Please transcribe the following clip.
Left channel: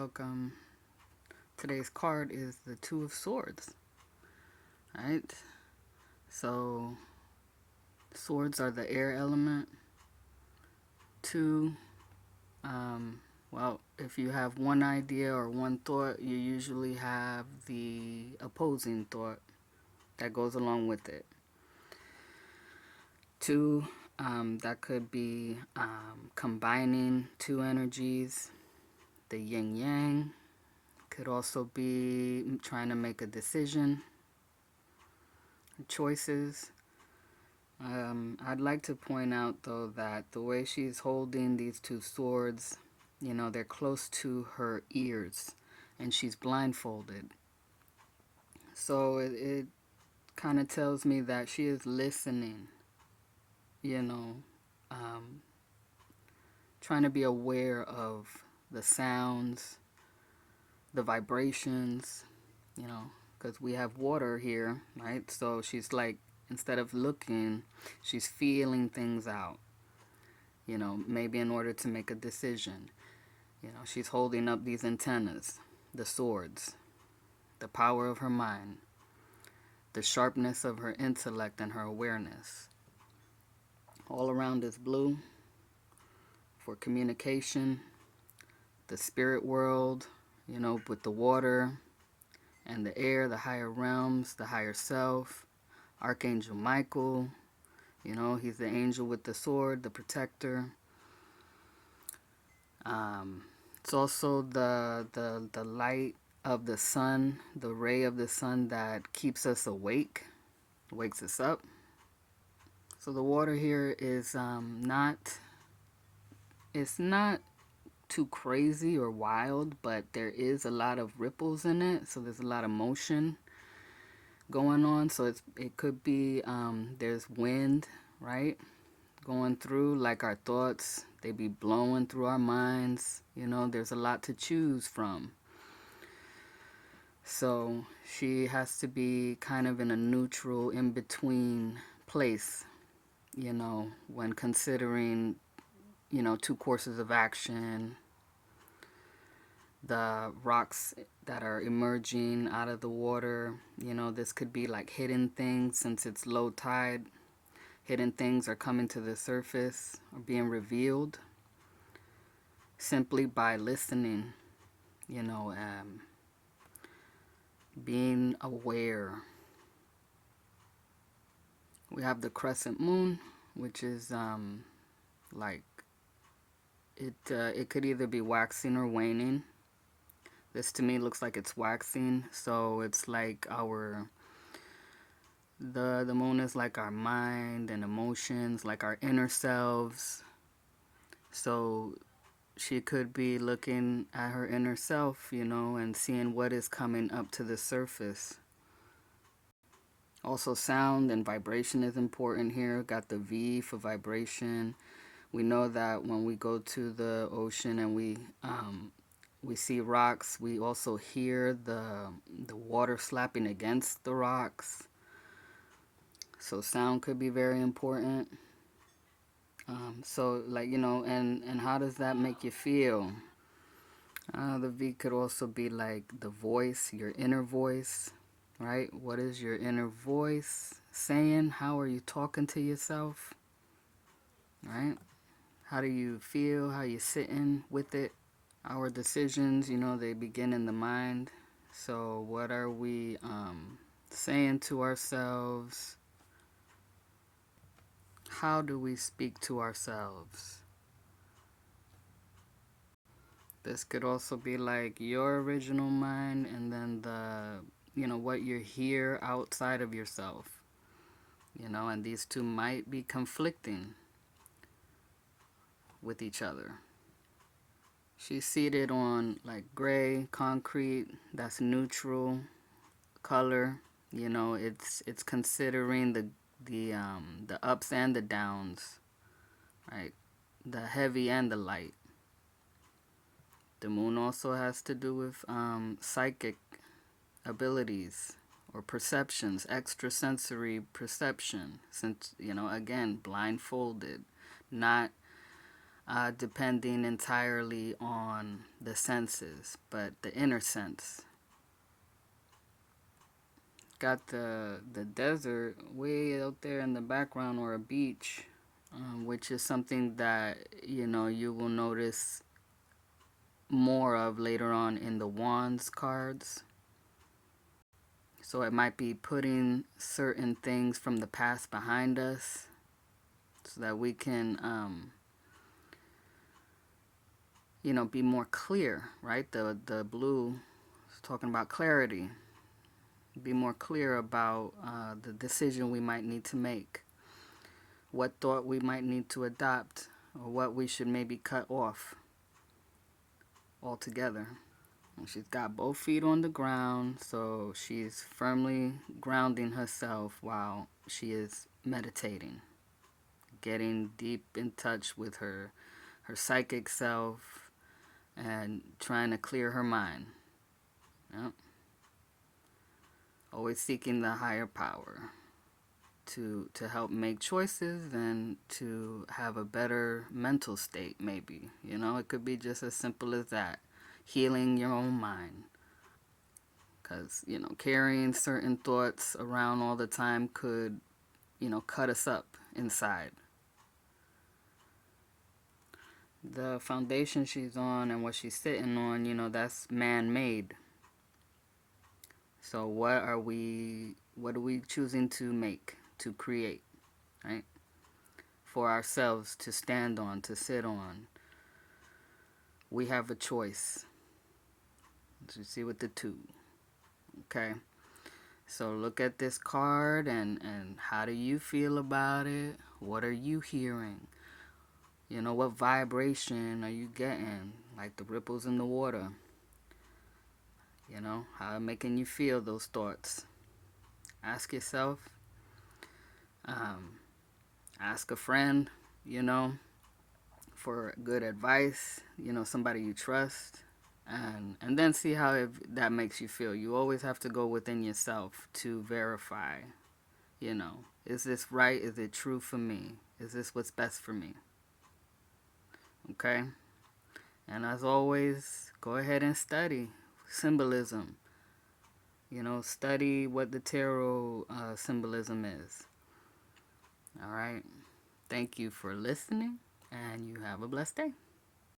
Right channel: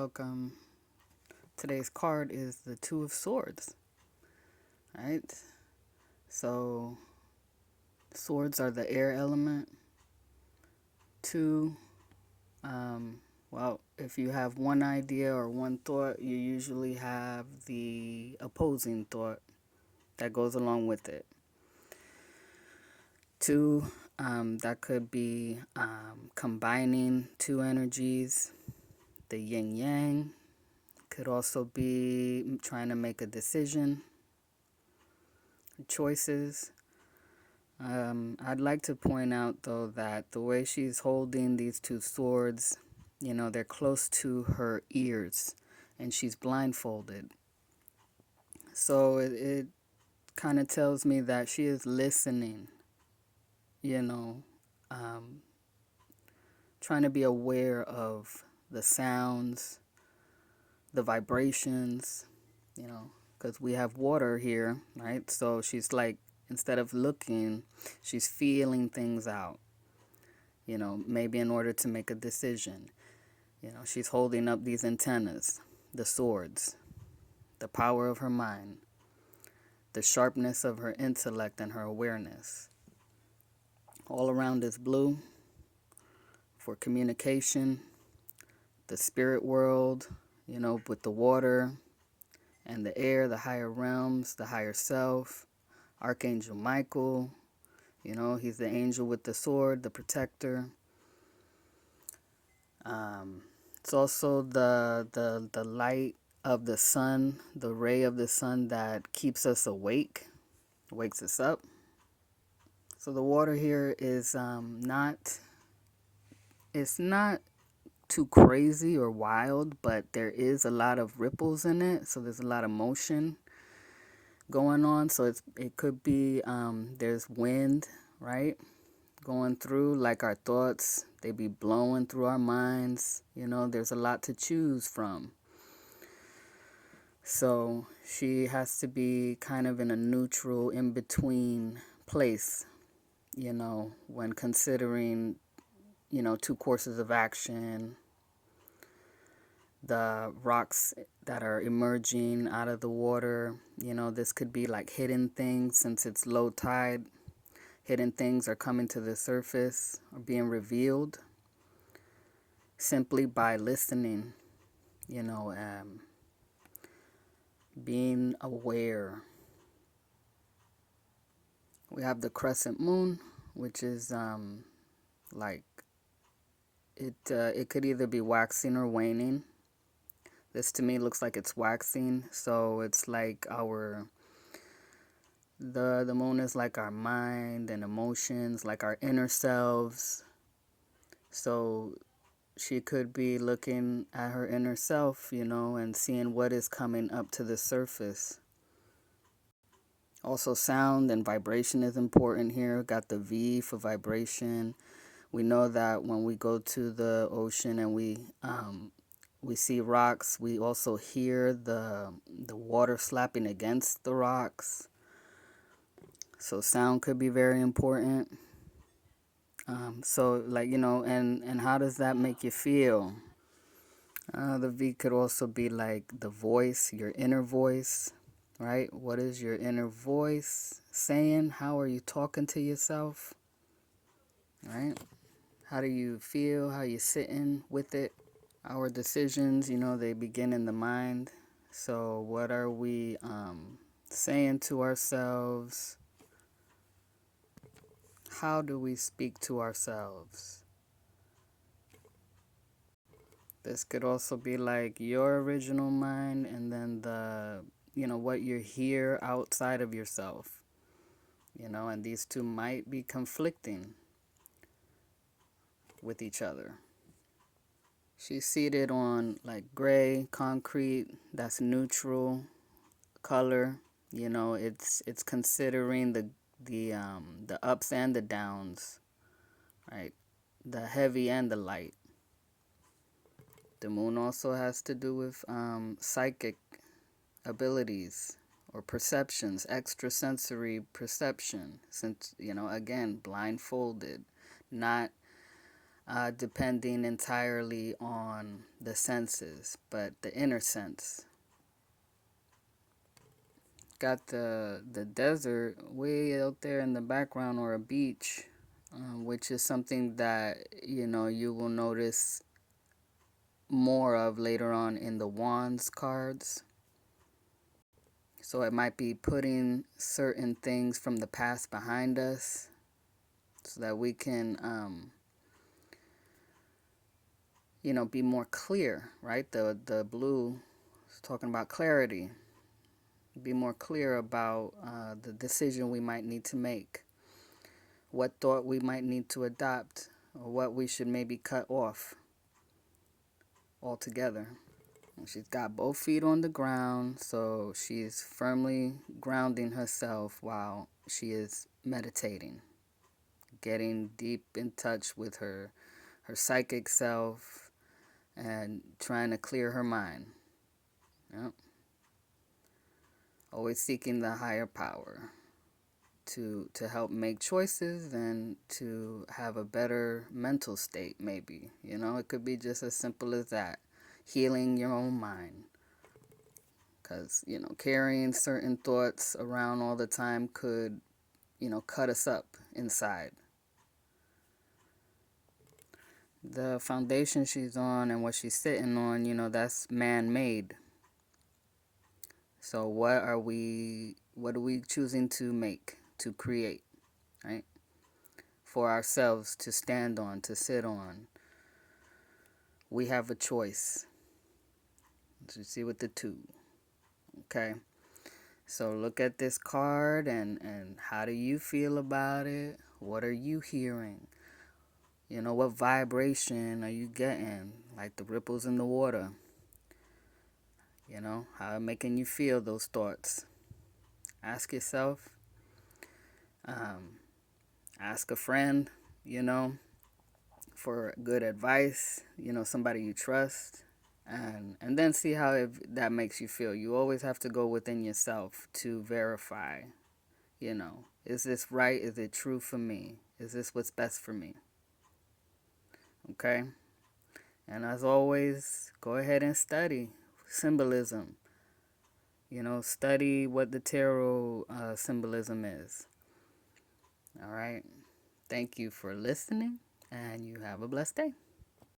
welcome. Today's card is the Two of Swords, right? So, swords are the air element. Two, if you have one idea or one thought, you usually have the opposing thought that goes along with it. Two, that could be combining two energies, the yin yang. Could also be trying to make a decision, choices. I'd like to point out, though, that the way she's holding these two swords, they're close to her ears, and she's blindfolded. So it kind of tells me that she is listening, trying to be aware of the sounds, the vibrations, because we have water here, right? So she's like, instead of looking, she's feeling things out, maybe in order to make a decision. She's holding up these antennas, the swords, the power of her mind, the sharpness of her intellect and her awareness. All around is blue for communication, the spirit world, with the water and the air, the higher realms, the higher self. Archangel Michael, he's the angel with the sword, the protector. It's also the light of the sun, the ray of the sun that keeps us awake, wakes us up. So the water here is it's not too crazy or wild, but there is a lot of ripples in it, so there's a lot of motion going on. So it could be there's wind, right, going through, like our thoughts, they be blowing through our minds. There's a lot to choose from. So she has to be kind of in a neutral, in-between place, when considering, two courses of action, the rocks that are emerging out of the water. This could be like hidden things since it's low tide. Hidden things are coming to the surface or being revealed simply by listening, being aware. We have the crescent moon, which is like it could either be waxing or waning. This to me looks like it's waxing, so it's like the moon is like our mind and emotions, like our inner selves. So she could be looking at her inner self, and seeing what is coming up to the surface. Also, sound and vibration is important here. Got the V for vibration. We know that when we go to the ocean and we see rocks, we also hear the water slapping against the rocks. So sound could be very important. And how does that make you feel? The V could also be like the voice, your inner voice, right? What is your inner voice saying? How are you talking to yourself, right? How do you feel? How you sitting with it? Our decisions, they begin in the mind. So what are we saying to ourselves? How do we speak to ourselves? This could also be like your original mind, and then what you hear outside of yourself. And these two might be conflicting with each other. She's seated on like gray concrete, that's neutral color. It's considering the ups and the downs, right? The heavy and the light. The moon also has to do with psychic abilities or perceptions, extrasensory perception, since, again, blindfolded, not depending entirely on the the senses, but the inner sense. Got the desert way out there in the background, or a beach, which is something that you will notice more of later on in the wands cards. So it might be putting certain things from the past behind us so that we can be more clear, right? The blue is talking about clarity. Be more clear about the decision we might need to make, what thought we might need to adopt, or what we should maybe cut off altogether. And she's got both feet on the ground, so she's firmly grounding herself while she is meditating, getting deep in touch with her psychic self and trying to clear her mind. Yep. Always seeking the higher power to help make choices and to have a better mental state, maybe. It could be just as simple as that. Healing your own mind. Because, carrying certain thoughts around all the time could, cut us up inside. The foundation she's on and what she's sitting on, that's man-made. So what are we choosing to make, to create, right? For ourselves to stand on, to sit on. We have a choice. As you see with the 2. Okay? So look at this card and how do you feel about it? What are you hearing? What vibration are you getting? Like the ripples in the water. How making you feel, those thoughts. Ask yourself. Ask a friend, for good advice, somebody you trust. And then see how that makes you feel. You always have to go within yourself to verify, is this right? Is it true for me? Is this what's best for me? Okay? And as always, go ahead and study symbolism. Study what the tarot symbolism is. All right? Thank you for listening, and you have a blessed day.